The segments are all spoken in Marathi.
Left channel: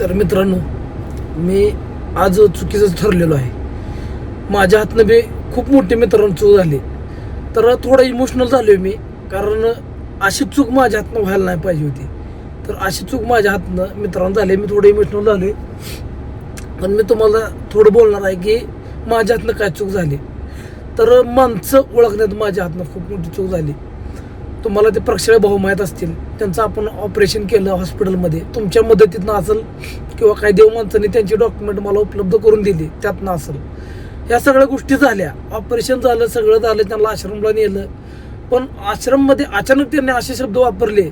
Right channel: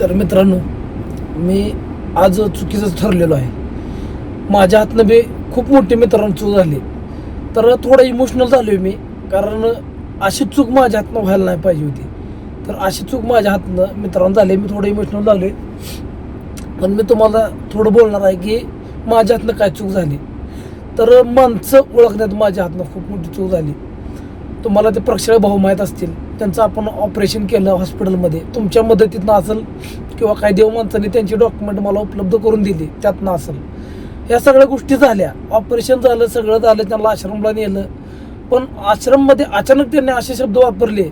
तर मित्रांनो मी आज चुकीचं ठरलेलो आहे. माझ्या हातनं बी खूप मोठी मित्रांनो चूक झाली. तर थोडं इमोशनल झालो मी कारण अशी चूक माझ्या हातनं व्हायला नाही पाहिजे होती. तर अशी चूक माझ्या हातनं मित्रांनो झाली मी थोडं इमोशनल झालोय. पण मी तुम्हाला थोडं बोलणार आहे की माझ्या हातनं काय चूक झाली. तर माणसं ओळखण्यात माझ्या हातनं खूप मोठी चूक झाली. तुम्हाला ते प्रक्षळ भाऊ माहीत असतील. त्यांचं आपण ऑपरेशन केलं हॉस्पिटलमध्ये तुमच्या मदतीतनं असेल किंवा काही देव माणसांनी त्यांची डॉक्युमेंट मला उपलब्ध करून दिली त्यातनं असेल. या सगळ्या गोष्टी झाल्या. ऑपरेशन झालं सगळं झालं त्यांना आश्रमला नेलं. पण आश्रममध्ये अचानक त्यांनी असे शब्द वापरले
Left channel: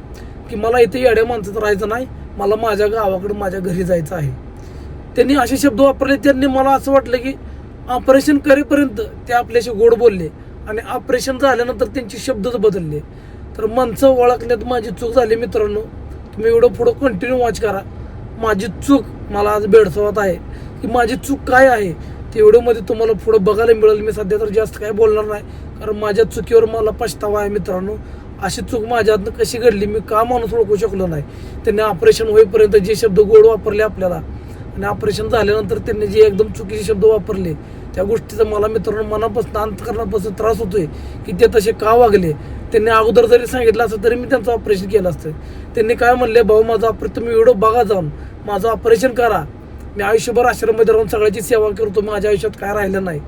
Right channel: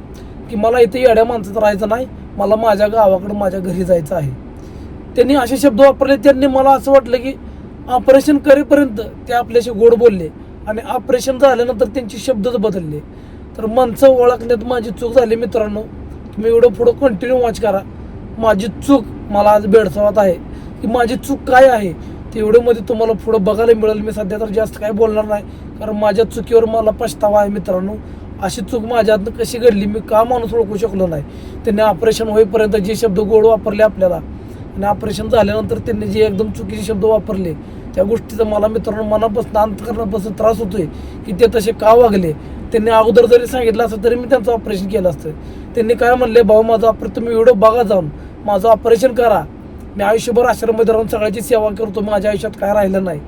की मला इथे येड्या माणसाचं राहायचं नाही मला माझ्या गावाकडे माझ्या घरी जायचं आहे. त्यांनी असे शब्द वापरले त्यांनी मला असं वाटलं की ऑपरेशन करेपर्यंत ते आपल्याशी गोड बोलले आणि ऑपरेशन झाल्यानंतर त्यांचे शब्दच बदलले. तर माणसं ओळखण्यात माझी चूक झाली मित्रांनो. तुम्ही एवढं पुढं कंटिन्यू वॉच करा. माझी चूक मला आज बेडसावत आहे. की माझी चूक काय आहे? ते व्हिडिओमध्ये तुम्हाला पुढं बघायला मिळेल. मी सध्या तर जास्त काय बोलणार नाही. कारण माझ्या चुकीवर मला पछतावा आहे मित्रांनो. अशी चूक माझ्या हातनं कशी घडली मी का माणूस ओळखू शकलो नाही. त्यांनी ऑपरेशन होईपर्यंत जे शब्द गोड वापरले आपल्याला आणि ऑपरेशन झाल्यानंतर त्यांनी जे एकदम चुकीचे शब्द वापरले त्या गोष्टीचा मला मित्रांनो मनापासून अंतकरणापासून त्रास होतोय की ते तसे का वागले? त्यांनी अगोदर जरी सांगितलं असतं तरी मी त्यांचं ऑपरेशन केलं असतं. त्यांनी काय म्हणले भाऊ माझं ऑपरेशन तुम्ही व्हिडिओ बघा जाऊन. माझं ऑपरेशन करा. मी आयुष्यभर आश्रममध्ये राहून सगळ्याची सेवा करतो. माझ्या आयुष्यात काय राहिलं नाही.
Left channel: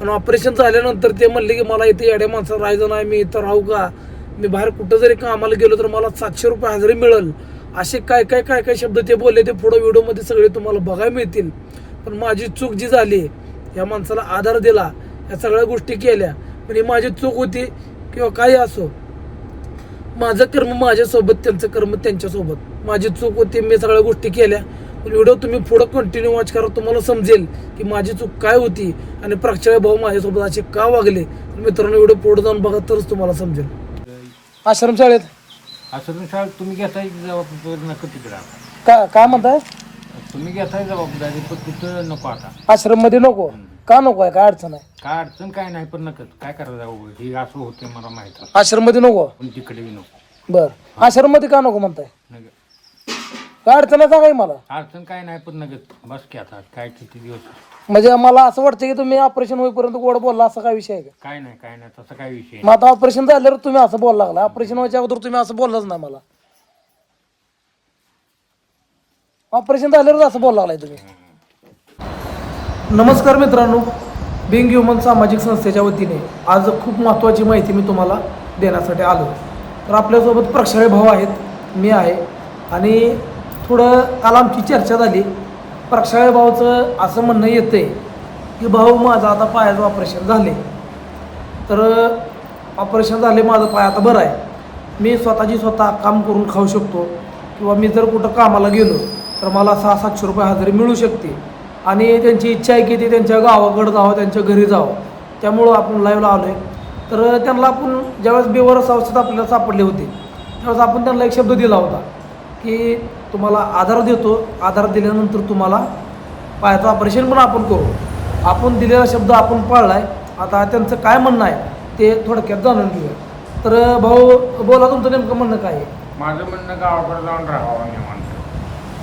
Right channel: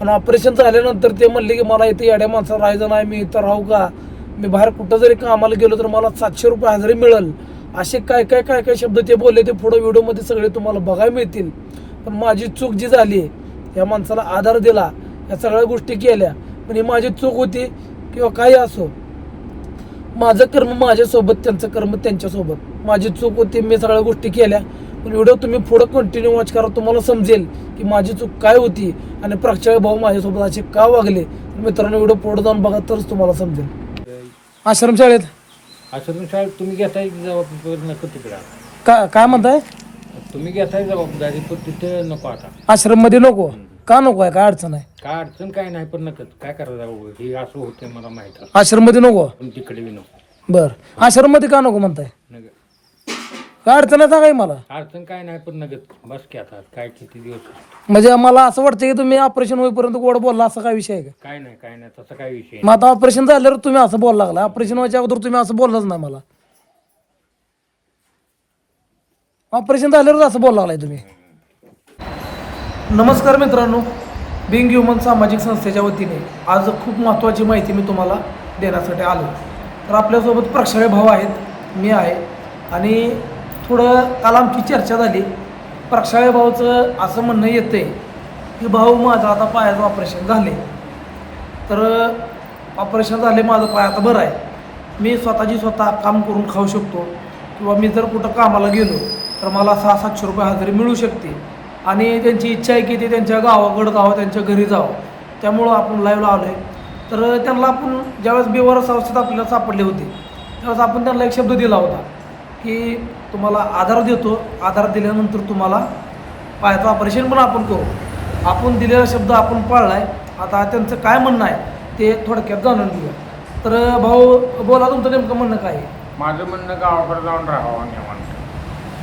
आणि ऑपरेशन झाल्यानंतर ते म्हणले की मला इथे येड्या माणसं राहायचं नाही. मी इथं राहू का? मी बाहेर कुठं जरी कामाला गेलो तर मला सातशे रुपये हजेरी मिळेल. असे काय काय काय काय शब्द ते बोलले. ते पुढं व्हिडिओमध्ये सगळे तुम्हाला बघायला मिळतील. पण माझी चूक जी झाली या माणसाला आधार दिला या सगळ्या गोष्टी केल्या. पण ही माझी चूक होती. किंवा काही असो. माझं कर्म माझ्यासोबत त्यांचं कर्म त्यांच्यासोबत. माझी चूक होती मी सगळ्या गोष्टी केल्या. पण व्हिडिओ तुम्ही पुढं कंटिन्यू वॉच करा तुम्हाला समजेल की माझी चूक काय होती आणि प्रक्षाळी भाऊ माझ्यासोबत असे का वागले. तर मित्रांनो व्हिडिओ पुढे जाऊन बघा तरच तुम्हाला समजेल. आश्रमशाळेत आश्रमशाळेत तुम्ही घेताय जबाबदारी नको तिकडं? का काय म्हणताय? तुम्ही घेताय जबाबदारी पण तिथं नको आता. आश्रममध्ये नको का नको आहे काय अडचण आहे? काय अडचण काय नाही पण नकत काय करायचं जाऊ? हे असं होतं मला माहीत आहे. आश्रममध्ये नको? पण तिकडे बी नको. बर. आश्रममध्ये का नको म्हणताय? नगत काय अडचण आहे सांगाय मला? अडचण काय नाही पण नगत बस की आता काय किती दिवस? म्हणजे मला असं वाटतं की तुम्ही ऑपरेशन होईपर्यंत गोड बोलला असा काय विषय आहे का? काय नाही काय नाही तसं काय विषय मग आता ऑपरेशन झाल्यावर तुम्ही असं बोलायला लागला. ऑपरेशन व्हायच्या अगोदर तुम्ही असं बोललाच नाही मला. ऑपरेशन झाल्यावर असं बोलायला लागलाय तुम्ही. नमस्कार मित्रांनो बिंग ह्युमन सामाजिक संस्थेच्या वतीने आज खूप महत्त्वाची माहिती मी तुम्हाला देण्यासाठी आलो. तर आपल्यासोबत प्रक्षाळे भाऊ आहेत मी आहे. आणि थोडं काल आमची चर्चा झाली. प्रक्षाळे भाऊचं असं म्हणणं येते की भाऊ माझं आता पायाचं ऑपरेशन झाले तर ऑपरेशन झाले माझं पाय आता बरं आहे. मी स्वतःची स्वतः काम करून खाऊ शकतो. किंवा मी जर कुठं कामाला गेलो तर मला सहा सातशे रुपये हजेरी मिळू शकते आणि त्यांची इच्छा आहे की ते त्यांच्या गावाकडं जावं त्यांच्या घरी जावं. त्यामुळं आपण लाईव्हला आलो आहे तर त्यांना आपण ज्यावेळेस बेवारस अवस्थेत आपल्याला सापडले होते त्यावेळेस आपण त्यांना एक शब्द दिला होता की तुम्हाला आधार देतो. आधार दिल्यानंतर तुम्हाला पायाचं ऑपरेशन पण आपण करू. आपण दिलेला शब्द आपण पाळला आहे आता त्यांचं काय म्हणणं आहे ते थोडक्यात जाणून घेऊया. तर भाऊ बोला तुमचं नेमकं म्हणणं काय आहे? माझं म्हणणं गावाकडे जाऊन राहावं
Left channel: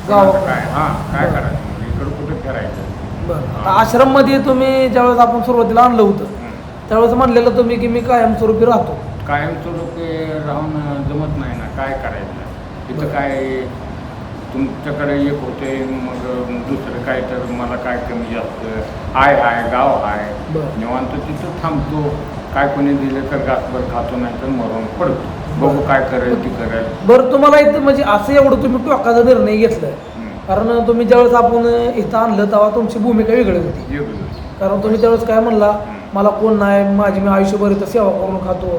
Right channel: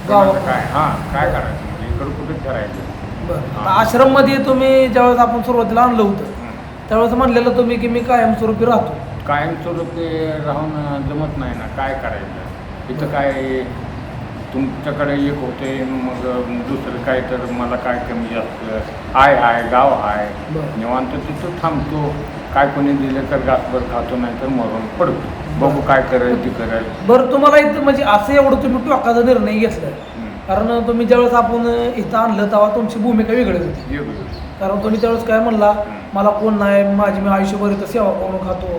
गावाकडे? काय? हा काय. करायचं? इकडं कुठं फिरायचं बरं. आश्रममध्ये तुम्ही ज्यावेळेस आपण सुरुवातीला आणलं होतं. त्यावेळेस म्हणलेलं तुम्ही की मी कायमस्वरूपी राहतो. कायमस्वरूपी राहून जमत नाही ना. काय करायचं? तिथं काय तुमच्याकडे एक होते मग दुसरं काय तर मला काय कमी जास्त? आय हाय गाव हाय. बरं. निवांत तिथं थांबतो. काय कोणी दिलं तर घासभर खातो नाही तर मरून पडतो. बघू काय करेल ती करेल बरं तुम्हाला इथं म्हणजे असं एवढं तुम्ही टोकाचा निर्णय घेतलाय. कारण तुम्ही ज्यावेळेस आपण इथं आणलं तेव्हा तुमची भूमिका वेगळी होती. कारण तुम्ही त्यावेळेस काय म्हणला. मला कोण नाही माझी मी आयुष्यभर इथं सेवा करून खातो.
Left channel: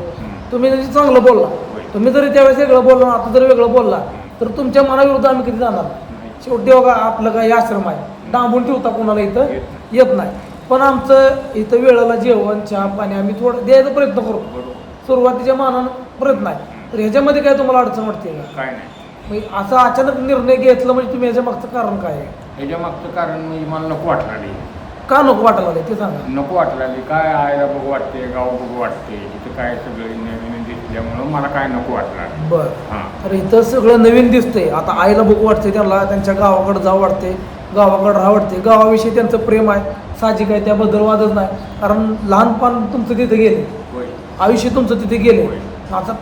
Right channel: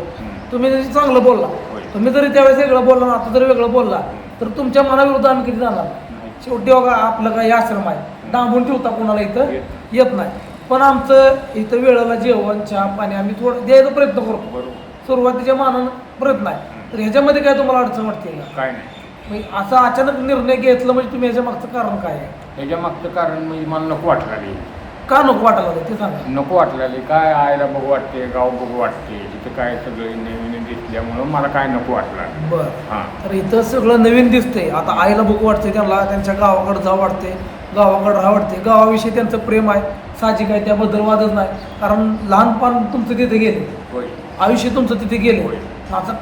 तुम्ही चांगलं बोलला. तुम्ही जरी त्यावेळेस वेगळं बोलला आता जरी वेगळं बोलला तर तुमच्या मनाविरुद्ध आम्ही किती जाणार. शेवटी बघा आपलं काही आश्रम आहे. डांबून ठेवता कोणाला इथं येत नाही. पण आमचं इथं वेळेला जेवण चहा पाणी आम्ही थोडं द्यायचा प्रयत्न करतो. सुरुवातीच्या मानानं प्रयत्न आहे. तर ह्याच्यामध्ये काय तुम्हाला अडचण वाटते का? काय नाही. म्हणजे असं अचानक निर्णय घेतला म्हणजे तुम्ही ह्याच्या मागचं कारण काय? आहे मागचं कारण म्हणजे मला नको वाटलं का नको वाटायला लागलं? ते सांगा. नको वाटलं काय आयला बघू वाटते गाव बघू वाटते तिथं काय सगळे नवीन दिसले त्यामुळं मला काय नको वाटलं बर. हां. तर इथं सगळं नवीन दिसतंय. आता आईला बघू वाटतंय त्यांना त्यांच्या गावाकडे जावं वाटते गावाकडे राहा वाटते गावाविषयी त्यांचं प्रेम आहे साहजिक आहे त्याबद्दल वादच नाही. कारण लहानपण तुमचं तिथे गेले. होय. आयुष्य तुमचं तिथे गेले. आता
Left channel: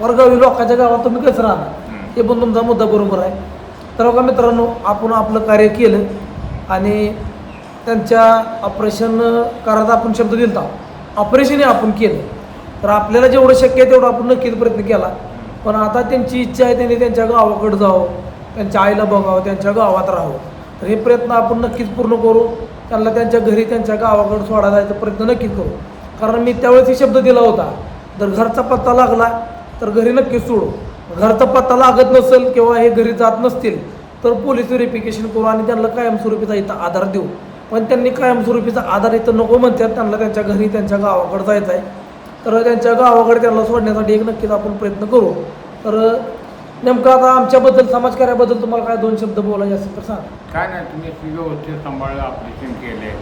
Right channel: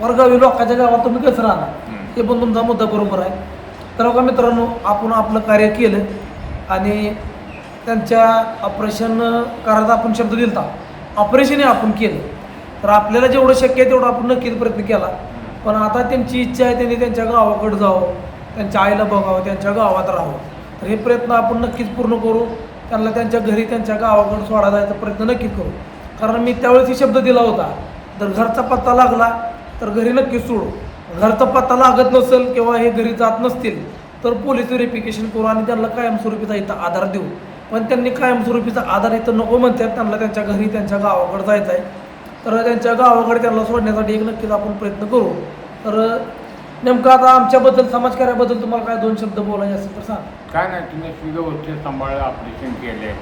परगावी लोकांच्या गावात तुम्ही कसं राहणार? हे ते पण तुमचा मुद्दा बरोबर आहे. तर बघा मित्रांनो आपण आपलं कार्य केलं आणि त्यांच्या ऑपरेशन करायचा आपण शब्द दिलता. ऑपरेशनही आपण केलं. तर आपल्याला जेवढं शक्य आहे तेवढं आपण नक्कीच प्रयत्न केला. पण आता त्यांची इच्छा आहे त्यांनी त्यांच्या गावाकडे जावं त्यांच्या आईला बघावं त्यांच्या गावात राहावं. तर हे प्रयत्न आपण नक्कीच पूर्ण करू. त्यांना त्यांच्या घरी त्यांच्या गावाकडे सोडा जायचा प्रयत्न नक्कीच करू. कारण मी त्यावेळेस शब्द दिला होता जर घरचा पत्ता लागला तर घरी नक्कीच सोडू. घरचा पत्ता लागत नसेल किंवा हे घरी जात नसतील तर पोलीस व्हेरिफिकेशन करू आणि त्यांना कायमस्वरूपीचा इथं आधार देऊ. पण त्यांनी कायमस्वरूपीचा आधार इथं नको म्हणतात त्यांना त्यांच्या घरी त्यांच्या गावाकडे जायचं आहे तर त्यांच्या गावाकडे त्यांना सोडण्यासाठी एक नक्कीच आपण प्रयत्न करू. तर नेमकं आता आमच्याबद्दल समाजकार्याबद्दल तुम्हाला काय दोन शब्द बोलायचे असतील तर सांग. काय नाही तुम्ही व्यवस्थित सांभाळलं ऑपरेशन केले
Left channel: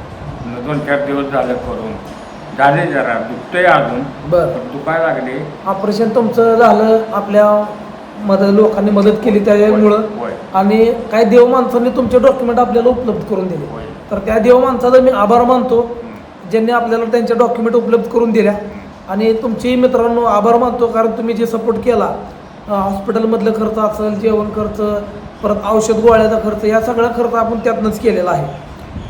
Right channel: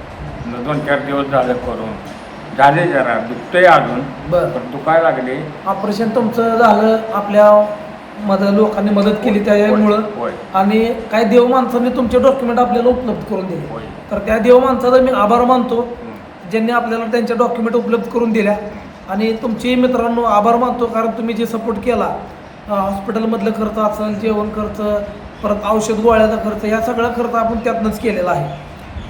दोन चार दिवस झाले करून. झाले जरा दुखतंय अजून बरं. पण दुखाय लागले. ऑपरेशन तुमचं झालं आपल्या मदत लोकांनी मदत केली त्यामुळं. होय आणि काही देव माणसांनी तुमचे डॉक्युमेंट आपल्याला उपलब्ध करून दिले. होय. तर त्या देव माणसाचा मी आभार मानतो. ज्यांनी आपल्याला त्यांचे डॉक्युमेंट उपलब्ध करून दिल्या. आणि तुमची मित्रांनो आभार मानतो कारण तुम्ही जे सपोर्ट केला अं, हॉस्पिटलमधलं खर्च असेल जेवण खर्च परत औषध गोळ्याचा खर्च या सगळा खर्च आपण त्यातनंच केलेला आहे.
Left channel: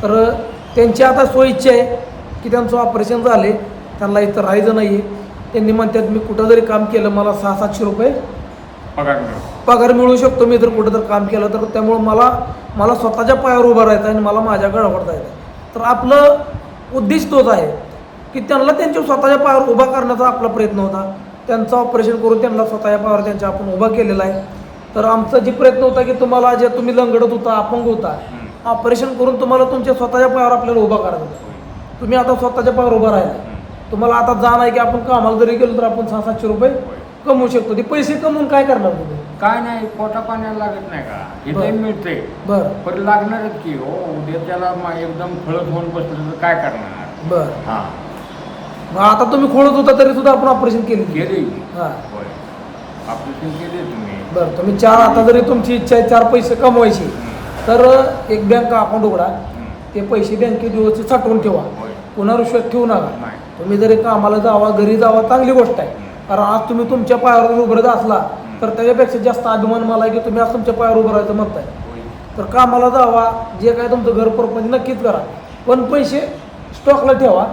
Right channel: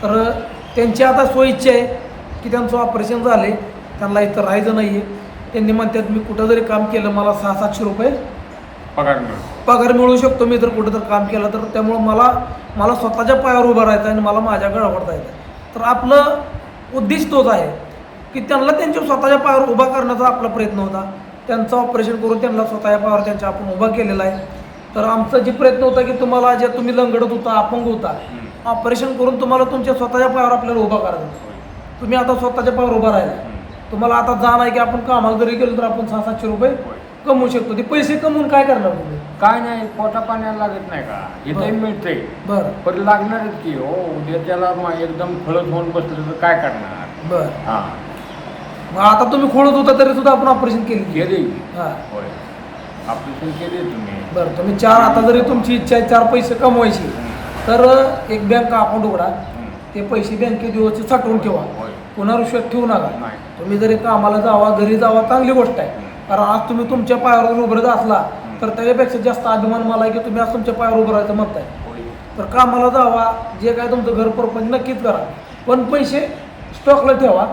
तर त्यांची आता सोयीची आहे की त्यांचं ऑपरेशन झाले त्यांना इथं राहायचं नाही आहे त्यांनी म्हणतात मी कुठं जरी काम केलं मला सहा सातशे रुपये पगार मिळतो पगार मिळू शकतो मी जर कुठं तर काम केलं तर त्यामुळं मला मला स्वतःच्या पायावर उभं राहायचं आणि मला माझ्या गळावर जायचं तर आपलं उद्देश तोच आहे की त्यांना त्यांच्या स्वतःच्या पायावर उभा करण्याचा आपला प्रयत्न होता. त्यांचं ऑपरेशन करून त्यांना स्वतःच्या पायावर त्यांच्या आपण उभा केलेला आहे. तर आमचा जे प्रयत्न होता की तुम्हाला जे तुम्ही लंगडत होता अपंग होता. ऑपरेशन करून तुम्हाला तुमच्या स्वतःच्या पायावर आपल्याला उभा करायचं तुम्ही आता स्वतःच्या पायावर उभा राहिला. तुम्हाला आता जाण आहे की आपण कामाला जरी गेलो तर आपण सहा सातशे रुपये कमवू शकतो. ते पैसे कमवून काय करणार तुम्ही? काय नाही पोटा पाण्याला लागत नाही का. नाही मिळतंय. बरं. पण लागणारच की हो उद्या त्याला एकदम फळत होऊन बसलं तर काय करणार? बरं. हां. मग आता तुम्ही खोळत होता तरी सुद्धा आपण ऑपरेशन केली. गेले हा. होय. ऑपरेशन केले तुम्ही. बरं तुम्ही चार आता जरी तुमची इच्छा आहे चार पैसे कमवायचे. तर एक बँक अकाउंट उघडा. ते पैसे बँकेत व्यवस्थित साठवून ठेवा. होय पुन्हा रिश्वत ठेवू नका. तुम्ही जरी कामाला जावा घरी जावा चांगली गोष्ट आहे. कारण आज तुम्ही तुमच्या पायावर उभरत असला तर त्याच्यापेक्षा जास्त अभिमान मला आहे की तुम्ही आज तुमच्या पायावर उभं राहायचं म्हणताय. तर कामाला जावा जे काय तुमचं घर परपंच नक्कीच करा. पण पैसे स्टॉकला ठेवा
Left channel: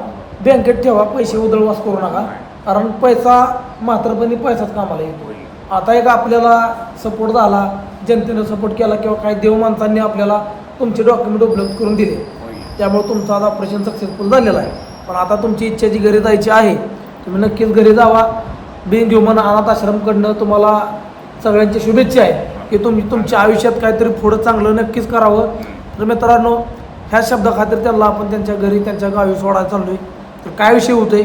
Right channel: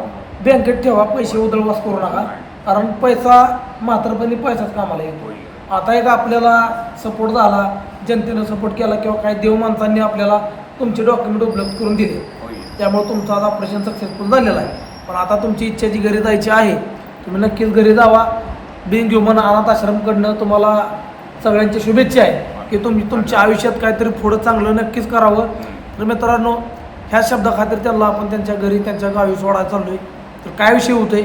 बँकेत ठेवा पैसे उधळवास करू नका. कारण पैसा म्हातारपणी पैसाच कामाला येईल आता एक आपल्याला सपोर्ट झाला जनतेनं सपोर्ट केला किंवा काही देव माणसांनी आपल्याला तुमचे डॉक्युमेंट उपलब्ध करून दिले. त्यामुळे तुमचं आज ऑपरेशन सक्सेसफुल झालेलं आहे. पण आता तुमची इच्छा जी घरी जायची आहे तुम्ही नक्कीच घरी जावा. बिन ह्युमन अनाथ आश्रमकडनं तुम्हाला सगळ्यांच्या शुभेच्छा आहे की तुम्ही तुमच्या आयुष्यात काहीतरी पुढं चांगलं नक्कीच करावं. तर मित्रांनो ह्या शब्दाखातीर त्यांना आपण त्यांच्या घरी त्यांच्या गावी सोडायला चाललोय. तर काय विषय होतोय?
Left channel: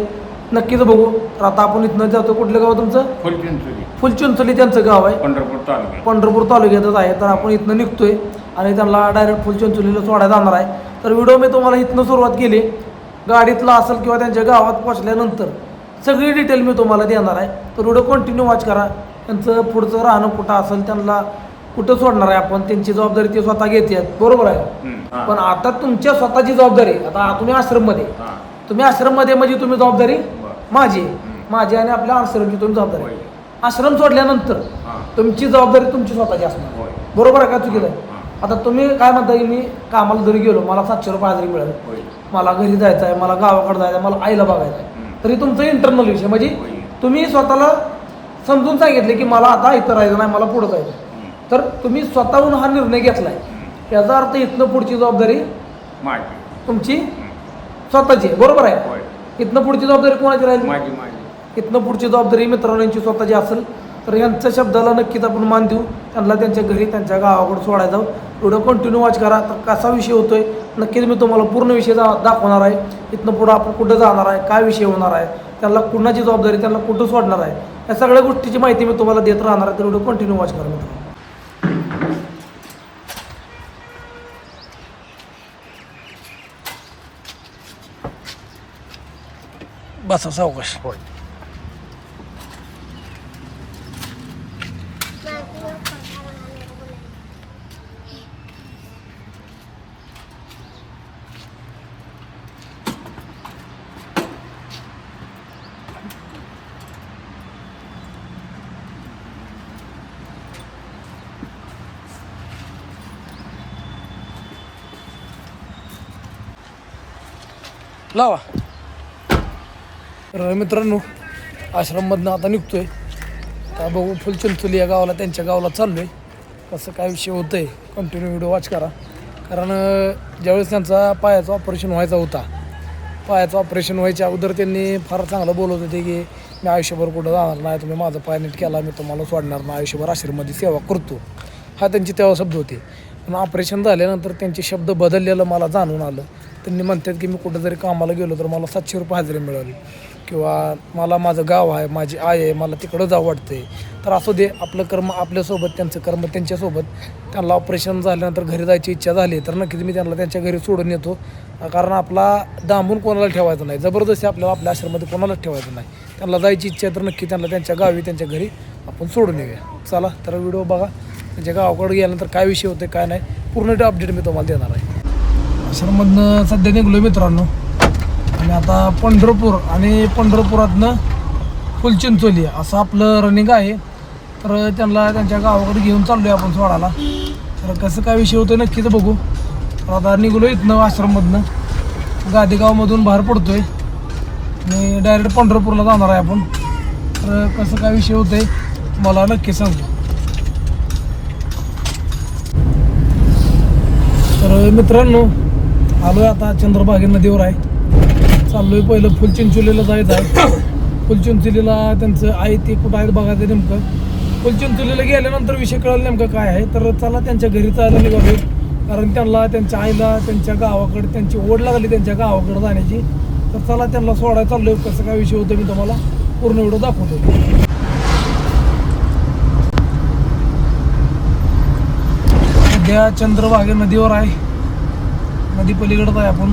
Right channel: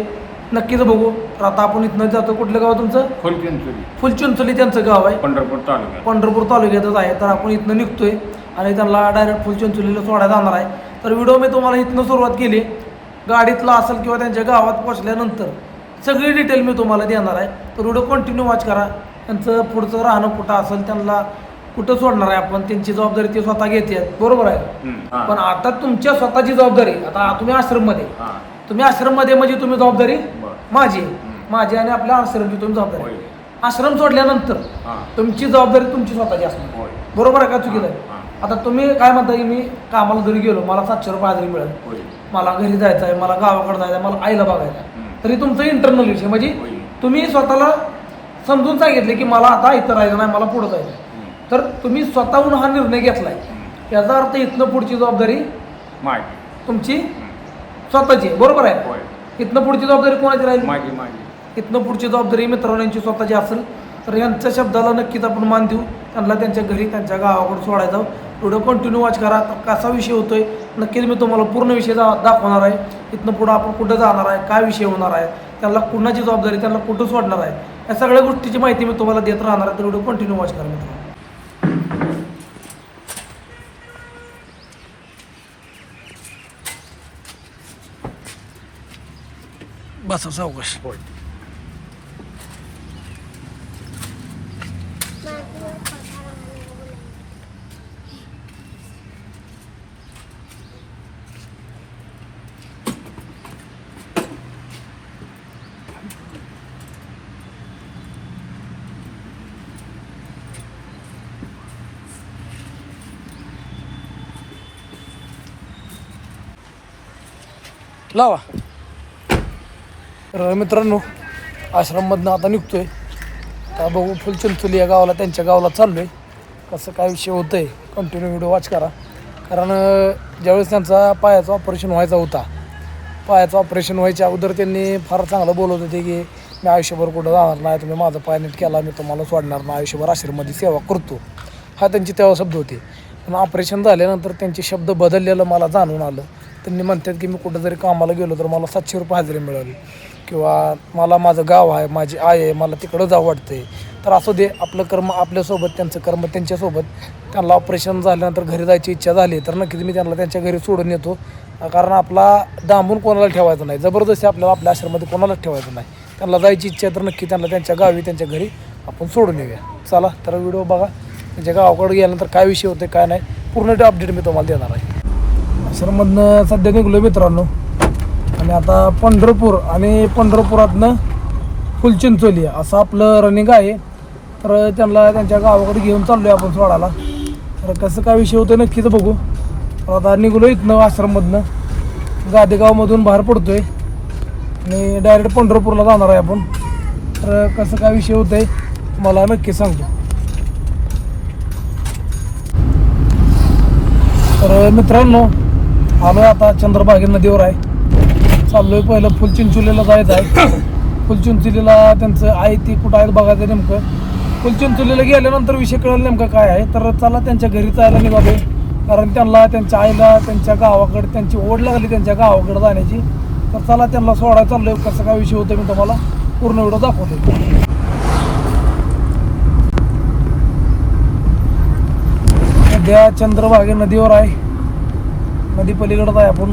नक्कीच बघू. तर आता आपण इथनं जातो. कुठलं गाव तुमचं? फुलचिंचोली. फुलचिंचोली त्यांचं गाव आहे. पंढरपूर तालुक्यात. पंढरपूर तालुक्यातच आहे. तर आपण इथनं निघतोय आणि त्यांना डायरेक्ट फुलचिंचोलीला सोडायला जाणार आहे. तर व्हिडिओ मी तुम्हाला इथनं सुरुवात केली गाडीतला असेल किंवा त्यांच्या गावात पोचल्यानंतर सगळी डिटेल मी तुम्हाला देणार आहे तर व्हिडिओ कंटिन्यू वॉच करा त्यांचं पुढचं राहणं कुठं असेल त्यांना कुठं सोडणार आहे आपण त्यांची जबाबदारी ते स्वतः घेते बरोबर आहे. पण आता तुमच्या स्वतःची जबाबदारी आता तुम्ही आश्रममध्ये. तुम्ही आश्रममध्ये म्हणजे तुम्ही जबाबदारी. माझी. माझी आणि आपल्या आश्रमची तुम्ही जबाबदारी. आश्रम सोडल्यानंतर. तुमची जबाबदारी तुमची स्वतःची असणार. बरोबर आहे का चुकीचं आहे. आता तुम्ही काय म्हणता की मी कामाला जरी गेलो मला सातशे रुपये हजेरी मिळेल. मला घरी जायचं आहे मला गावाकडे जायचं आहे मला आईला बघायचं आहे. तरी तुमचं इंटरनल विषय म्हणजे. तुम्ही स्वतःला समजून सांगितले की मला आता इथं राहायचं नाही मला पुढं जायचं. तर तुम्ही स्वतःहून हा निर्णय घेतलाय. हम्म. याचा अर्थ इथनं पुढची जबाबदारी तुमची. स्वतःची आहे. बरोबर आहे? इथनं पुढची जबाबदारी कोणाची राहील? इथनं पुढची जबाबदारी मित्रांनो यांची स्वतःची असेल तर यांच्या शब्दाला नक्कीच आपण मान देऊ. त्यांना त्यांच्या घरी त्यांच्या गावाकडे सोडायला जाऊ व्हिडिओ कंटिन्यू वॉच करा. तर कसा विषय होतो आहे नक्कीच मी तुम्हाला पूर्ण विषय दा दाखवणार आहे. इथनं पुढं आपण कुठं जाणार आहे? काय विषय होणार आहे? त्यांना कुणाची जबाबदारी? त्यांना कुठं सोडणार आहे या सगळ्या गोष्टीची माहिती मी तुम्हाला देत राहणार आहे. तर व्हिडिओ कंटिन्यू वॉच करा मित्रांनो. बसा सावकाश. लावा. तर मित्रांनो आश्रममधनं आता निघतोय. आता बघू फुलचिंचोली या गावाला त्यांच्या गावाला चाललोय. कसं काय विषय होतं आहे कंटिन्यू व्हिडिओ वॉच करा. कारण ज्यावेळेस त्यांचा पायाचं ऑपरेशन व्हायचा होता पायाचं ऑपरेशन व्हायच्या अगोदर त्यांनी फार चांगलं बोलत होते की मी आयुष्यभर कुठं जाणार नाही तुम्ही माझा पाय नीट केला मी तुम्हाला सोडणार नाही आयुष्यभर आश्रममध्ये सेवा करतो. हा त्यांची तेव्हा शब्द होते. पण ऑपरेशन झाल्यानंतर त्यांचे शब्द बदललेलं मला जाणून आलं. त्यांनी म्हणतात की मी कुठं जरी कामाला गेलो तर मला सातशे रुपये हजेरी मिळाली. किंवा मला माझं गाव आहे माझी आई आहे मला तिकडं जावं वाटते तर असू दे आपलं कर्म आपल्यासोबत त्यांचं कर्म त्यांच्यासोबत. त्यांना ऑपरेशन झाल्यानंतर घरी जायची इच्छा झाली तर नक्कीच मी त्यांना त्यांच्या घरी सोडून येतो. कारण आपला दांबून कोणाला ठेवायचं नाही. जबरदस्ती आपल्याला आपल्या आश्रमामध्ये कोणालाच ठेवायचं नाही. त्यांना जायची इच्छा आहे तर नक्की त्यांना त्यांच्या गावी त्यांच्या घरी आपण सोडून येऊया. चला तर व्हिडिओ बघा. म्हणजे त्यांच्या गावाकडे गेल्यानंतर काय विषय होते काय नाही पूर्ण अपडेट मी तुम्हाला देणार आहे. आश्रममधनं सध्या निघलो मित्रांनो. आणि आता पंढरपूर आणि पंढरपुरातनं फुलचिंचोली असं आपलं रनिंग आहे. तर त्यांना त्यांच्या गावाकडे घेऊन चाललो आहे आपण सोडायला. तर कसं काय विषय होतं नक्कीच बघू. तर आता निघलो इथनं आश्रममधनं. गादेगावमधून बाहेर पडतो आहे आणि डायरेक्ट पंढरपूरला जाणार आहे आपण. तर कसं काय विषय होतं आहे तुम्हाला नक्की सांगतो. तर मित्रांनो आलोय आता चंद्रभागी नदीवर आहे. चाललोय पहिलं फुलचिंचोलीला जायचं आहे. फुलचिंचोलीला त्यांचं आहे ते कुठं आहेत बघायचं नेमकं. फुलचिंचोलीला गेल्यानंतर विषय कळेल नेमकं काय आहे. तर चला त्यांच्या घरी जायला निघालो कारण त्यांना त्यांच्या आईला त्यांच्या गावाकडे त्यांची ओढ लागली त्यांच्या गावाकडे जाण्याची. तर चला त्यांना सोडायला चाललोय. कसं काय विषय होतं मी तुम्हाला पूर्ण व्हिडिओ दाखवतो सध्या चंद्रभागे नदीवर आहे. नदी पलीकडत आहे आपण.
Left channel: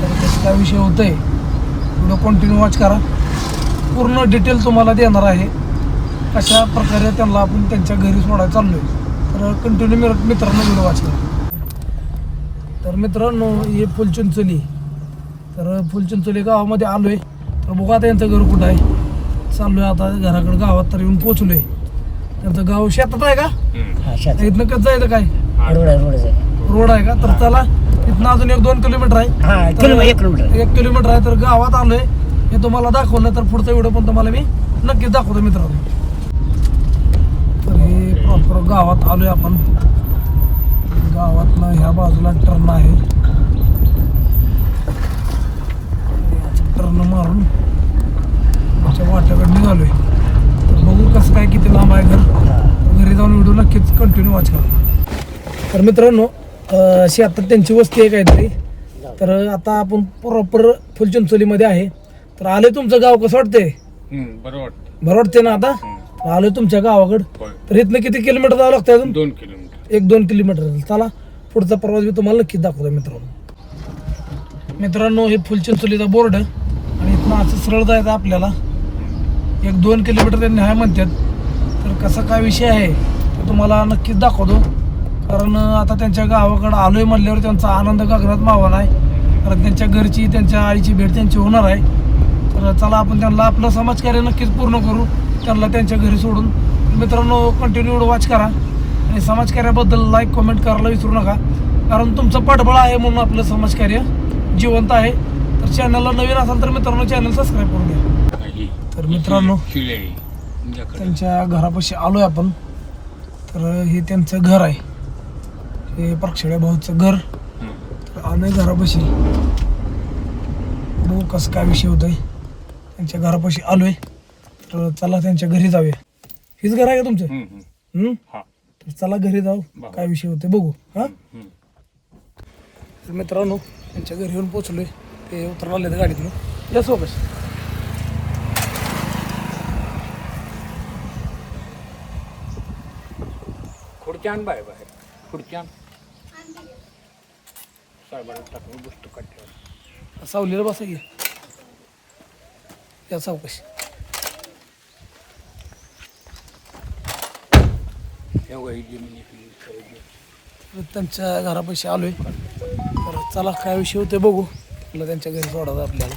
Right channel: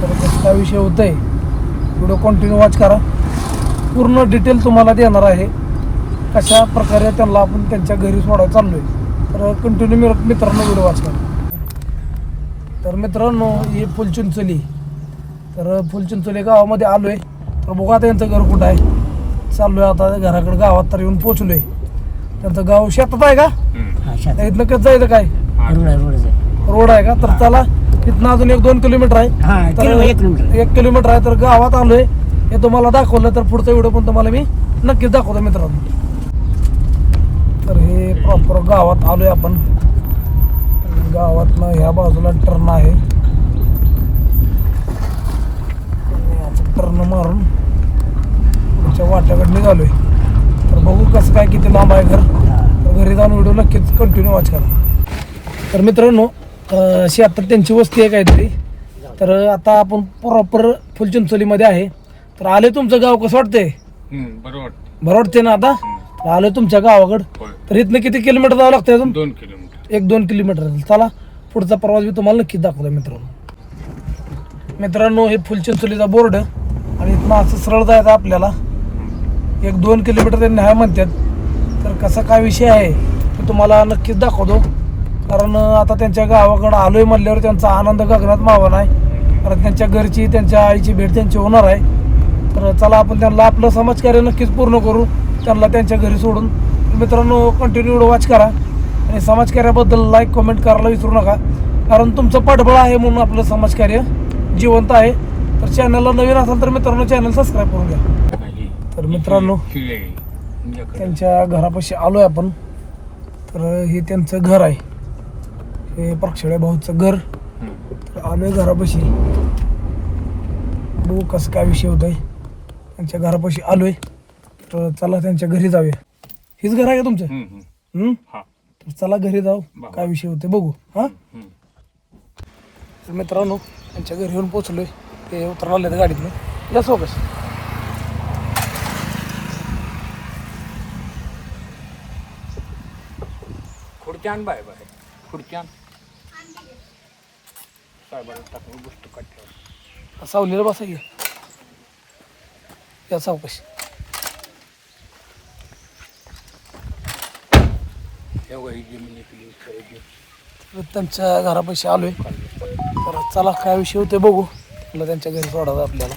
तर कसं काय विषय होतंय व्हिडिओ कंटिन्यू वॉच करा. पूर्ण डिटेल तुम्हाला देणार आहे. कशा प्रकारे त्यांना आपण त्यांच्या घरी सोडायला चाललोय. तर कंटिन्यू मित्रांनो व्हिडिओ वॉच करा. तर मित्रांनो हे फुलचिंचोली तर फुलचिंचोली गावामध्ये आलोय. तर बघू आता यांचं घर कुठं आहे. चाललोय आता घराकडे गावात तर येऊन पोचलोय त्यांचं गाव शेतात आहे का? हा शात इथनं कसं जायचं काय? रोड आहे का? तर चला इथनं अजून एक दोन किलोमीटर आहे. हा किलो एक किलोमीटर. एक किलोमीटर आहे तर गावात आलोय. हे तुम्हाला दाखवलं तर पुढचा व्हिडिओ पण तुम्हाला मी नक्कीच दाखवतो मित्रांनो. तर हे प्रॉपर गावात आलोय आपण. गावातनं ह्या बाजूला टर्न आहे. टर्न मारून पुढच्या वाट्याकडे निघालोय. तर बघू कसं काय किती लांब आहे घर. तर घरी जाऊन व्हिडिओ नक्कीच कंटिन्यू वॉच करा. तर मित्रांनो शेतात त्यांची वस्ती आहे काहीतरी. तर आता आपण प्रॉपर फुलचिंचोलीमध्ये आहे. तर आले तुमचं गाव कसं वाटतंय? बरं वाटतं. बरं वाटते ना आता? तर आलो तुमच्या गावाकडं. होय. तर इथनं किती किलोमीटर जावं लागतं अजून? दोन किलोमीटर. एक दोन किलोमीटर. चला पुढचा प्रवास मी तुम्हाला नक्कीच दाखवतो मित्रांनो. मित्रांनो हे फुलचिंचोलीचा बोर्ड आणि इथनं असं सरळ जायचं आपल्याला. एक दोन किलोमीटर त्यांनी हाय म्हणतात. तर कसा काय विषय आहे ते तुम्हाला नक्कीच दाखवतो. कारण आता त्यांच्या गावाकडं आलोय म्हणल्यावर त्यांचा आनंद गगनात मावा आहे. कारण त्यांच्या घरची त्यांच्या आईची भेट त्यांची होणार आहे. तर चला आपण त्यांना आपलं समाजकार्य नक्कीच पूर्ण करू. त्यांना त्यांच्या घरी सोडून. मित्रांनो कंटिन्यू वॉच करा. आणि समाजकार्याबद्दल लाईक कमेंट करायला विसरू नका. कारण तुमचं पाठबळ आहे म्हणून आपलं समाजकार्य जिवंत आहे. तर चॅनलला नवीन असाल तर मित्रांनो चॅनल सबस्क्राईब करून घ्या. काही तर मित्रांनो. त्यांच्या घरापाशी आलोय आपण. तर हे त्यांचं घर आहे. हे प्रक्षेळ्या भाऊचं घर. तर आलोय घरापाशी बघू कसं काय विषय होत आहे त्यांच्या घरापाशी आलोय. तर चला त्यांच्या घरी जाऊया. हेच घर आहे का तुमचं? हम्म? हा. तर चला घरी जाऊ. काय विषय होते बघू. हा. तर मित्रांनो त्यांच्या घरी येऊन पोचलोय ते उतरला आले गाडीतनं. या सोबत. खुर्च्यान बाय बाय खुर्च्यान? साहेबाला टाकून गोष्ट कट्ट्यावर सावलीला बसा या सावकाश एवढी जमीन इकली सगळी. तर त्यांच्या घरापाशी आलोय. तर चला काय विषय होते बघू. तुला त्यांच्या घरी सोडायचं आपल्याला.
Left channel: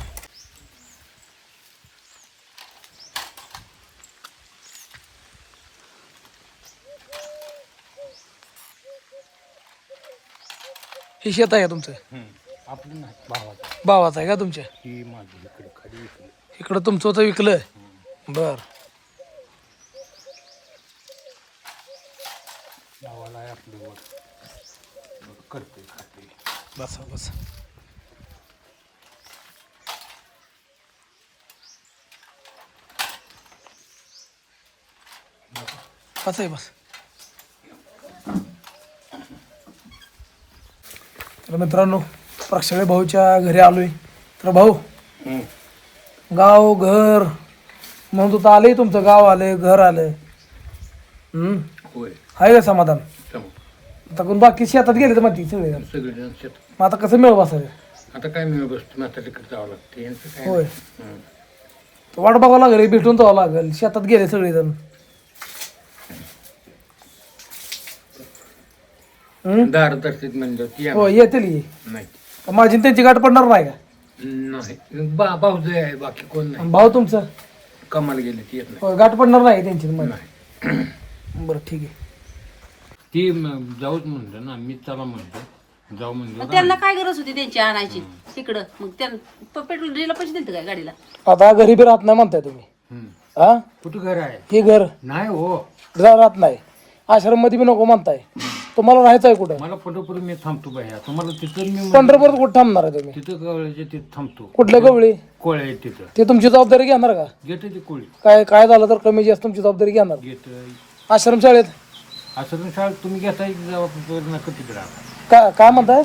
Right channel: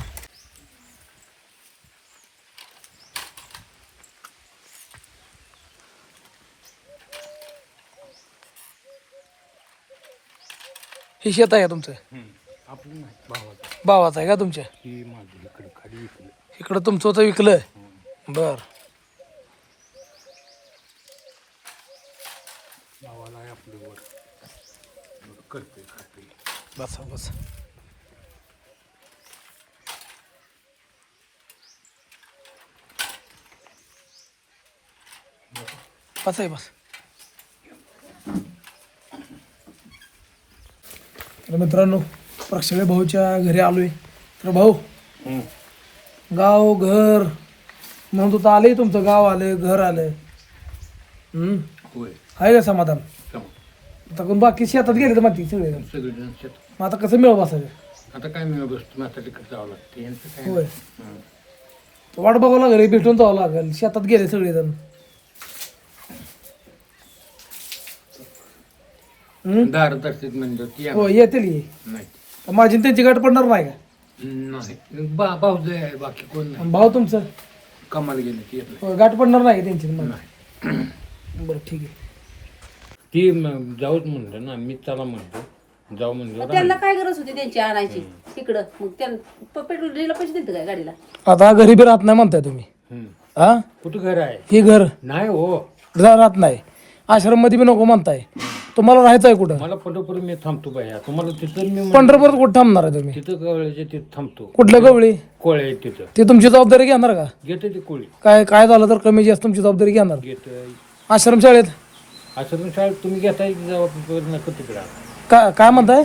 हे शेत आहे का तुमचं? हम्म. आपलं नाही भावाचं. भावाचा आहे का तुमच्या? ही माझी इकडे खाली विकली. इकडं तुमचं होतं विकलं. बर. भावाला आहे आपलं वर. मग करते खाते. बसा बस. बस. आहे बस. तर मित्रांनो प्रक्षाळे भाऊच्या घरी आलोय. तर भाऊ गाव घर म्हणून तुझं आलंय तुमचं गाव आलंय घर आलंय. हम्म. होय. आहे का समाधान? चम. आता कोण बाकी शेतात गेले तर माहिती सगळे जण. सगळेजण शेत मग आता कसं मिळ बसायचं? आता काय मी बसतो? आता तिकडे जावं लागतं. यांचं काय होय. हं. वाट बघावं लागेल भेटून जावं लागेल. शेतात गेले सगळेजण. म्हणजे ती येणार. हो येतील की. नाही. तर माझी आणि त्यांची गाठ पडणार नाही का? नाही. बा भाऊ आहे बाकी कोण नाही. आणि भाऊ तुमचं? कमाल गेले ती येत हो, गाठ पडणार नाही का त्यांची? नाही मग. नाही. बरं ठीक आहे. ती म- जाऊच म्हणलं ना मी त्याला म्हणतो. जाऊ म्हणलं. त्यांना काय गरज होती त्यांची आणायची? तिकडं. मग त्यांना पेट्रोल डिझेलला पैसे दिले काय गाडीला? आता घरी बी राहत नाही म्हणताय तुम्ही. हं. हा? कुठं घर आहे? ही घर. नाही हो. घर राहत नाही. आश्रममध्ये बी नको म्हणताय. तुम्हाला राहायचं आहे कुठं? मला पंढरपूर मी थांबतो बाया तुम्हाला तिथं मी पंढरपूर कुठं थांबणार आहे तुम्ही? तिथं कवळ्याच्या तिथं थांबतो. कुठल्या गवळी? कोळे आहे तिथं. ती तुमची जबाबदारी घेणार का? घेते ते कोळी. काय काय झालं तर कमी जास्त तुमची जबाबदारी घेणार? घेत. आश्रम शाळेत? तुम्ही घेताय जबाबदारी? नको तिकडं. काय काय म्हणताय?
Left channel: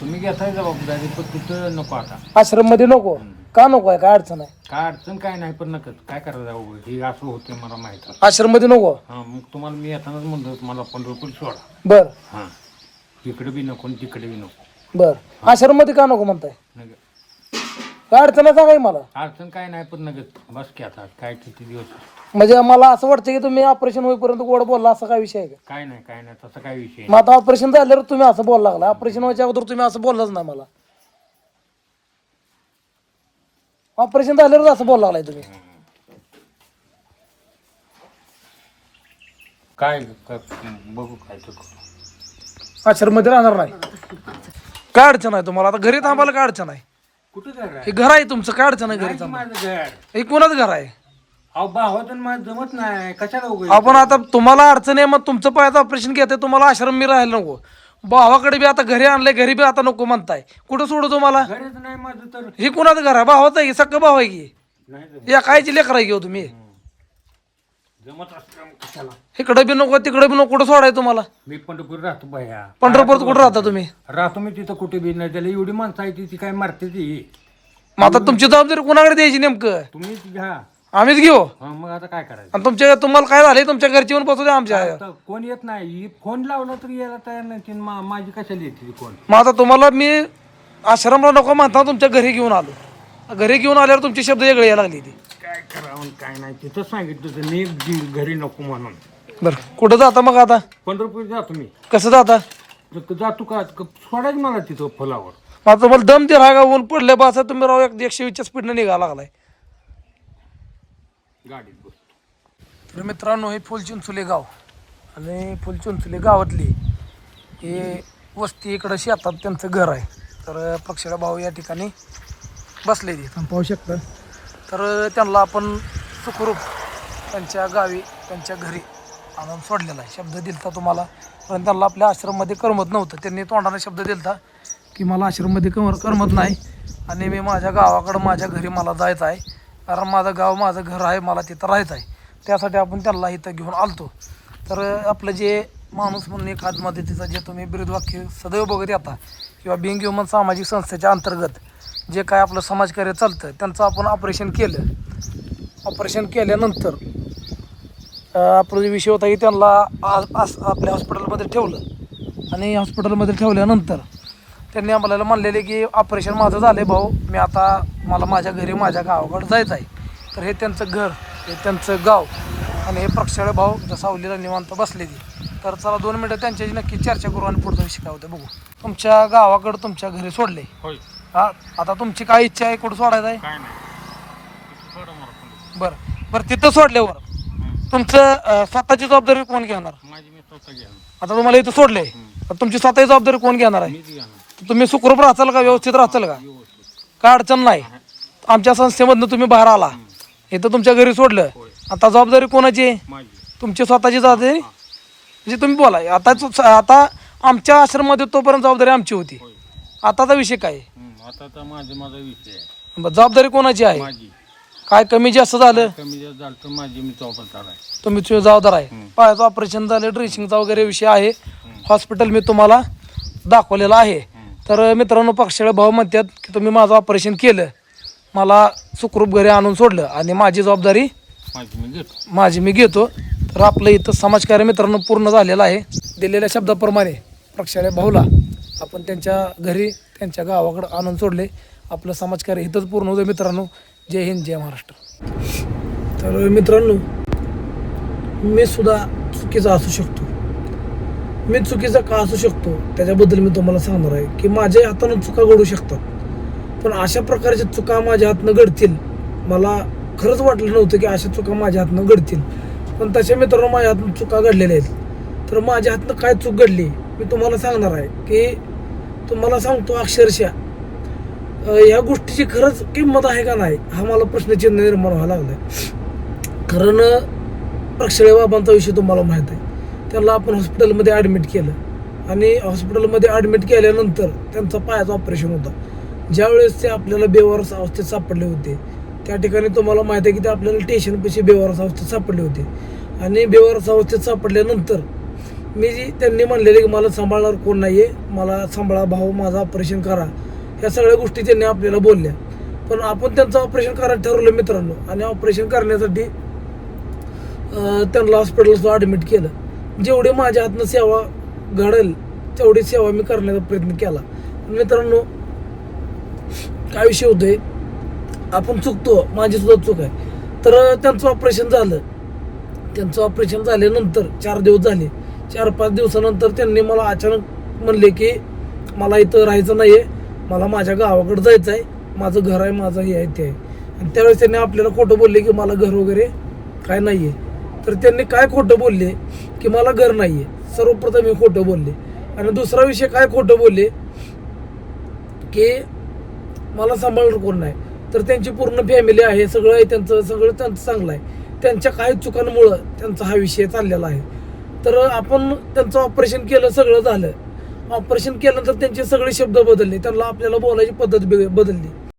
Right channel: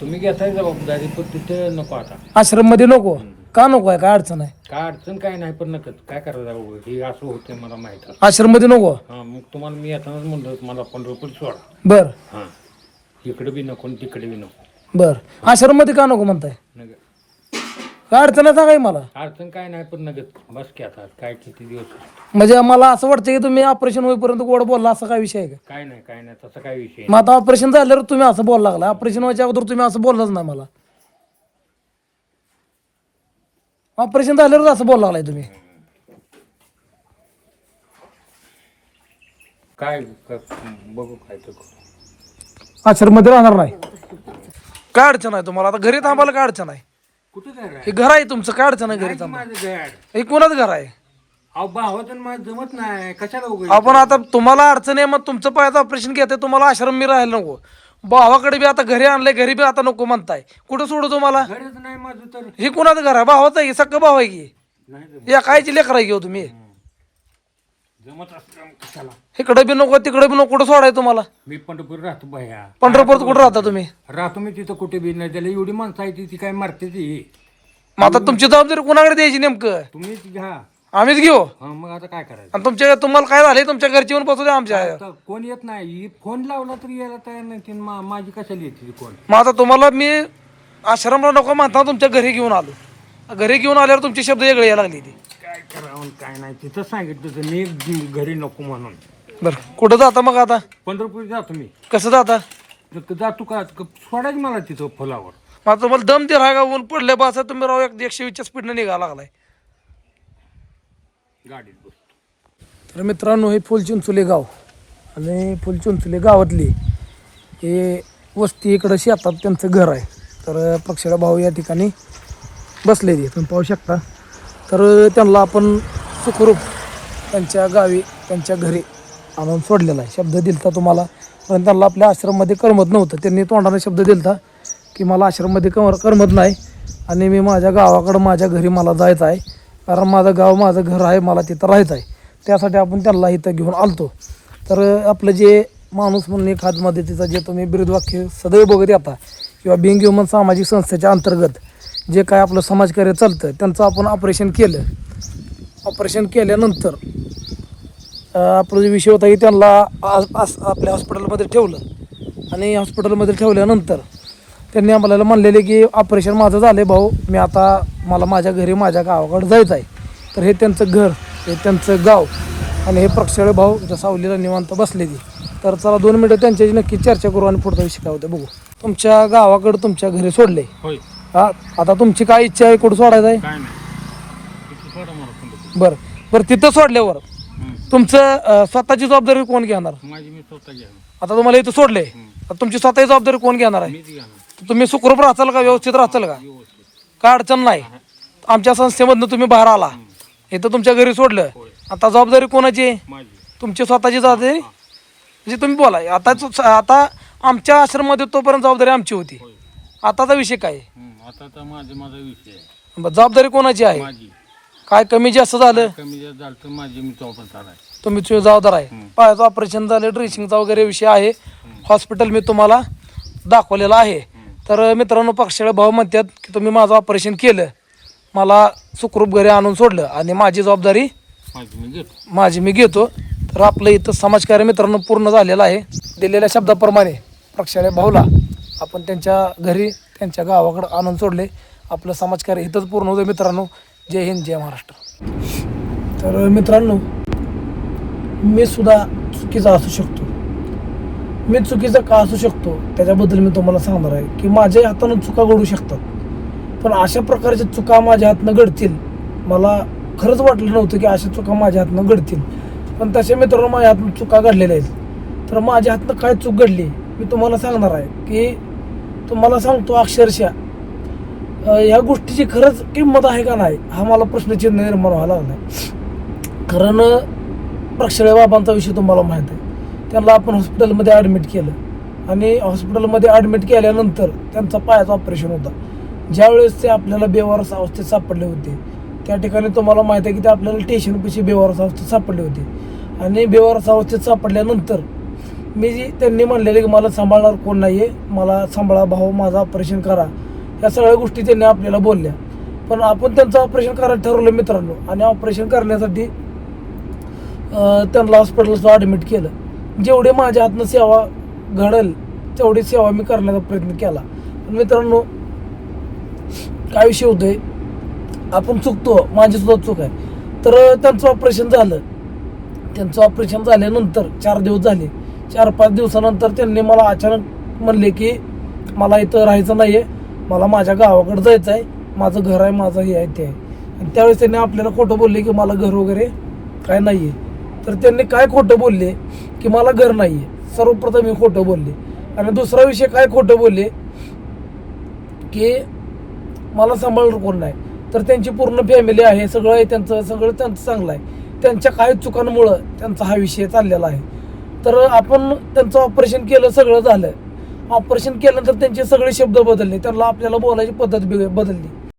तुम्ही घेताय जबाबदारी पण तिथं नको आता. आश्रममध्ये नको का नको आहे काय अडचण आहे? काय अडचण काय नाही पण नकच काय करायचं हे असं होतं मला माहीत आहे. आश्रममध्ये नको? हा मग तुम्हाला मी येतानाच म्हणलं तुम्हाला पंढरपूर सोडा. बर. हां. इकडे बी नको आणि तिकडे बी नको. बर. आश्रममध्ये का नको म्हणताय? नग काय अडचण आहे सांगाय मला? अडचण काय नाही पण नगत बस की आता काय किती दिवस? म्हणजे मला असं वाटतं की तुम्ही ऑपरेशन होईपर्यंत गोड बोलला असा काय विषय आहे का? काय नाही काय नाही तसं काय विषय मग आता ऑपरेशन झाल्यावर तुम्ही असं बोलायला लागला. ऑपरेशन व्हायच्या अगोदर तुम्ही असं बोललाच नाही मला. ऑपरेशन झाल्यावर असं बोलायला लागलाय तुम्ही. काय क- बघू काय तर करू. आश्रममध्ये राहणार नाही. काय अडचण आहे तुम्हाला? आता घरी थांबायला काय अडचण आहे? कुठं घर आहे? हे घर आहे तुमचं. काय अडचण आहे घरी नाही थांबा माझं घर. हे कोणाच घर आहे? अहो भावाचं माझं जमत नाही. कशाला उघड आपण आता तुम्हाला अडचण आहे मग तुमचं पायाचं ऑपरेशन घेते तुम्हाला आश्रम मी राहायला नको. भावाकडे बी आता घरी आणलंय घरी बी आता नको म्हणताय. कुठं सोडू तुम्हाला घरच नाही माझं तर. हे कुणाचं घर आहे? भावाचं आहे की? सगळं भाव आहे की? नाही जमत. या कायची लेकर घेऊ तुम्ही. जमत असलं कशाला? इकडे बी नको तिकडे बी नको कुठं सोडाय तुम्हाला? मी पंढरपूर राहतो बाया. पंढरपूरत कुठं राहता तुम्ही? राहतो मी तिथं कुठे बी नाही. त्याला एवढी माणसं आहे ती ती काय मारते ती. मग आता तुमची जबाबदारी कुणाकडे द्यायची नेमकं? तुम्हीच घ्या. आम्हीच घेऊ. हा मग आता काय करायचं? आणि तुमच्या तुम्हाला काय झालंय? तुमच्या घरची येऊन बसू द्या आमच्या आता कोण येत नाही? फोन लावला तरी यायला तयार नाही. ती मा- माझी कशाला येते कोण मग आता तुम्हाला मी आश्रमला नको म्हणता तुमच्या घरी घेऊन आलो. घरी घेऊन आल्यावर तुमचे शब्द वेगळे यायला लागले ती. काय करावं आणि काय नाही? तिथं सांगितलं होतं मी जी- घरी नको म्हणून. बरं. कुठं जाता मग आता? पंढरपूर जातो मी. कसं जाता? तर जातो का? क- सोडायचं मला तिथं फुलावर. मग आता तुम्हाला दम ते रागा ऊन पडले बा असं तुम्ही राव एक एकशे वीसच्या स्पीडने निघा लागलाय. गाडीत बसतो. तर मित्रांनो हे फुलचिंचुले गाव आणि फुलचिंचुले गावातली हे वस्ती इकडं शेतात त्यांचं घर आहे. तर पक्षाला भाऊ या ठिकाणी बसलेली तुम्ही पाहू शकता. तर त्यांना आपण सुखरूप त्यांच्या गावी त्यांच्या घरी आणून सोडलेला आहे. शब्द दिलता तुम्हाला. पण त्यांना आपल्या आश्रममध्ये करमत नव्हतं. त्यांनी तोंडाने शब्द दिलता की मला आश्रममध्ये कम करमत नाही आणि मी माझ्या गावाकडं माझ्या घरी मला जायचं आहे. कारण माझं गाव माझं घर आहे मला तिथं राहायचं आहे. त्यासाठी आपण त्यांना इथं घेऊन आलतो. तर आपलं जे माणूस म्हणून एक हात जे तुम्ही बिरुदवाक्य सदैव बघत येता किंवा बिंग ह्युमन सामाजिक संस्थेच्या अंतर्गत जे काय आपलं समाजकार्य चालतं त्यांचं आपण ऑपरेशन केलं. ऑपरेशन केल्यानंतर आपलं आपला जो विषय होता की त्यांना आ- आस- आपल्या हॉस्पिटलमध्ये ठेवलं. आणि हॉस्पिटलमध्ये ठेवल्यानंतर त्यांनी आम्हाला म्हणलेले की ऑपरेशन माझं झालं भाऊ. मी आता मला माझ्या घरी माझ्या गावाकडे जायचं आहे. तर हे त्यांचं घर हे त्यांचं गाव आणि हे प्रक्षाळे भाऊ इथं सावलीला निवांत बसलेली. तर चला दोन मिनटं त्यांच्याशी नक्की चर्चा करू आणि पुढचा विषय काय होतं बघू. तुमच्या गावाकडं तुमच्या घरी सोडले हा? आता तुमची काय इच्छा आहे? कुठं सोडायचं आहे? बरं. बरं तिथं सोडल्यावर तुमचं स्वतःची जबाबदारी कोण घेणार? आता तुम्हाला इथं सोडले तुमची स्वतःची जबाबदारी कोण घेणार आहे? ना तुम्ही सुखरूप राहताल का? व्यवस्थित राहताल का? काय अडचण नाही. आमच्या संस्थेमधनं तुम्ही बाहेर आला. इथं तुमच्या घरी सोडलं. आता जबाबदारी कोणाची? आहे? माझी. तुमची स्वतःची जबाबदारी? म्हणजे तुम्ही बोला. आता आता आमच्या आश्रममध्ये तोपर्यंत जबाबदारी आमची होती. आताचा विषय काय? आहे? हं, आता तर माझा माझा विषय आहे. बरं, जबाबदारी कोणाची आहे? माझी. काय कमी जास्त झालं? कमी जास्त झालं तर माझी मी चौपडतार आहे. तुम्ही तुझे जबाबदार आहे. पायाचं ऑपरेशन झालं ड्रेसिंगचा वगैरे विषय आहे. हॉस्पिटल मी तुम्हाला दाखवलेलं आहे. तर मित्रांनो पक्षाला भाऊ म्हणतात की तुम्ही माझं ऑपरेशन केलं. मला सुखरूप घरी आणून सोडलं आणि माझी जबाबदारी माझी मी घेतो. तर आपलं इथं समाजकार्य मित्रांनो पूर्ण झालेलं आहे. दिलेल्या शब्दाप्रमाणे प्रक्षालय भाऊला आपण त्यांच्या घरी त्यांच्या गावाकडं आणून सोडले. आपलं समाजकार्य इथंच पूर्ण होतं मित्रांनो. जय हिंद जय महाराष्ट्र. तर मित्रांनो मी सुद्धा चुकीचा असू शकतो. मी चुकीचं का असू शकतो? त्याच्याबद्दल मी तुम्हाला सांगणार आहे की माझ्या हातानं चुका घडू शकतात. पण अशा प्रकारच्या चुका माझ्या हातनं घडतील मला खरंच वाटलं नव्हतं की अशा चुका माझ्या हातनं घडतील. पण तशा मित्रांनो माझ्या हातनं चुका घडलेल्या आहेत. तर माझ्या हातनं काय चूक घडली मी तुम्हाला सांगणार आहे की तुम्हाला सांगतो अक्षरशः या ह्या गोष्टीची खरंच किंमत आहे का नाही हा मला प्रश्नचिन्ह निर्माण व्हायला लागला आहे कारण प्रक्षळे बाबांचा विषय तुम्हाला माहीत आहे. त्यांना आपण हॉस्पिटलमध्ये ॲडमिट केलं. आणि हॉस्पिटलमध्ये ॲडमिट केल्यानंतर त्यांचा पायाचं ऑपरेशन होता. ज्यावेळेस ते आपल्याला बेवारस अवस्थेत सापडले होते. त्या ठिकाणी तुम्हाला माहीत आहे की ते आपल्याला स्टेशनपाशी बेवारस अवस्थेत सापडले होते. आणि बेवारस अवस्थेत सापडल्यानंतर मी जी त्यांनी म्हणलेले की मला सांभाळणार कोण नाही आहे मला सांभाळा भाऊ माझं ऑपरेशन करा. या सगळ्या गोष्टी त्यांनी आपल्याला बोलल्या. पण आपण त्यांचं ऑपरेशन करायला ठरवलं मित्रांनो. आणि ऑपरेशन करण्यासाठी त्यांना हॉस्पिटलला ॲडमिट केलं. जेवढे माझ्या हातनं सेवा घडेल तेवढी सेवा मी करण्याचा प्रयत्न केला. पण मित्रांनो काय विषय होतोय? आपण चुकतो माझी सुद्धा चूक आहे. तर त्यांचं ऑपरेशन झालं. त्यांचं ऑपरेशन झाल्यानंतर चार दिवस झाले. चार पाच दिवसानंतर त्यांनी मला अचानक म्हणले की मला इथं राहायचं नाही आहे मला माझ्या गावाकडे जायचं आहे. माझं घर आहे माझं हे आहे ते आहे. आणि त्यावेळेस त्यांनी आपल्याला खोटं बोलले की मला घर वगैरे काय नाही आहे तर त्यांनी काय खोटं बोलले? की मला घर नाही आहे सर्वप्रथम मी खोटं बोलले. आणि दुसरा विषय काय खोटं बोलले? की मला सांभाळणार कोण नाही. तर त्यांची पूर्ण फॅमिली आहे सगळं आहे त्यांचं सगळं त्यांचं चांगलं आहे. त्यांच्या काही चुकांमुळं त्यांचा हा विषय चाललेला आहे. तर आपण त्यांचं ऑपरेशन केलं सगळं झालं. ऑपरेशन केल्यानंतर त्यांचे सगळे शब्द बदलले. त्यांना आपल्याला बोलायची पद्धत बे- बदलली.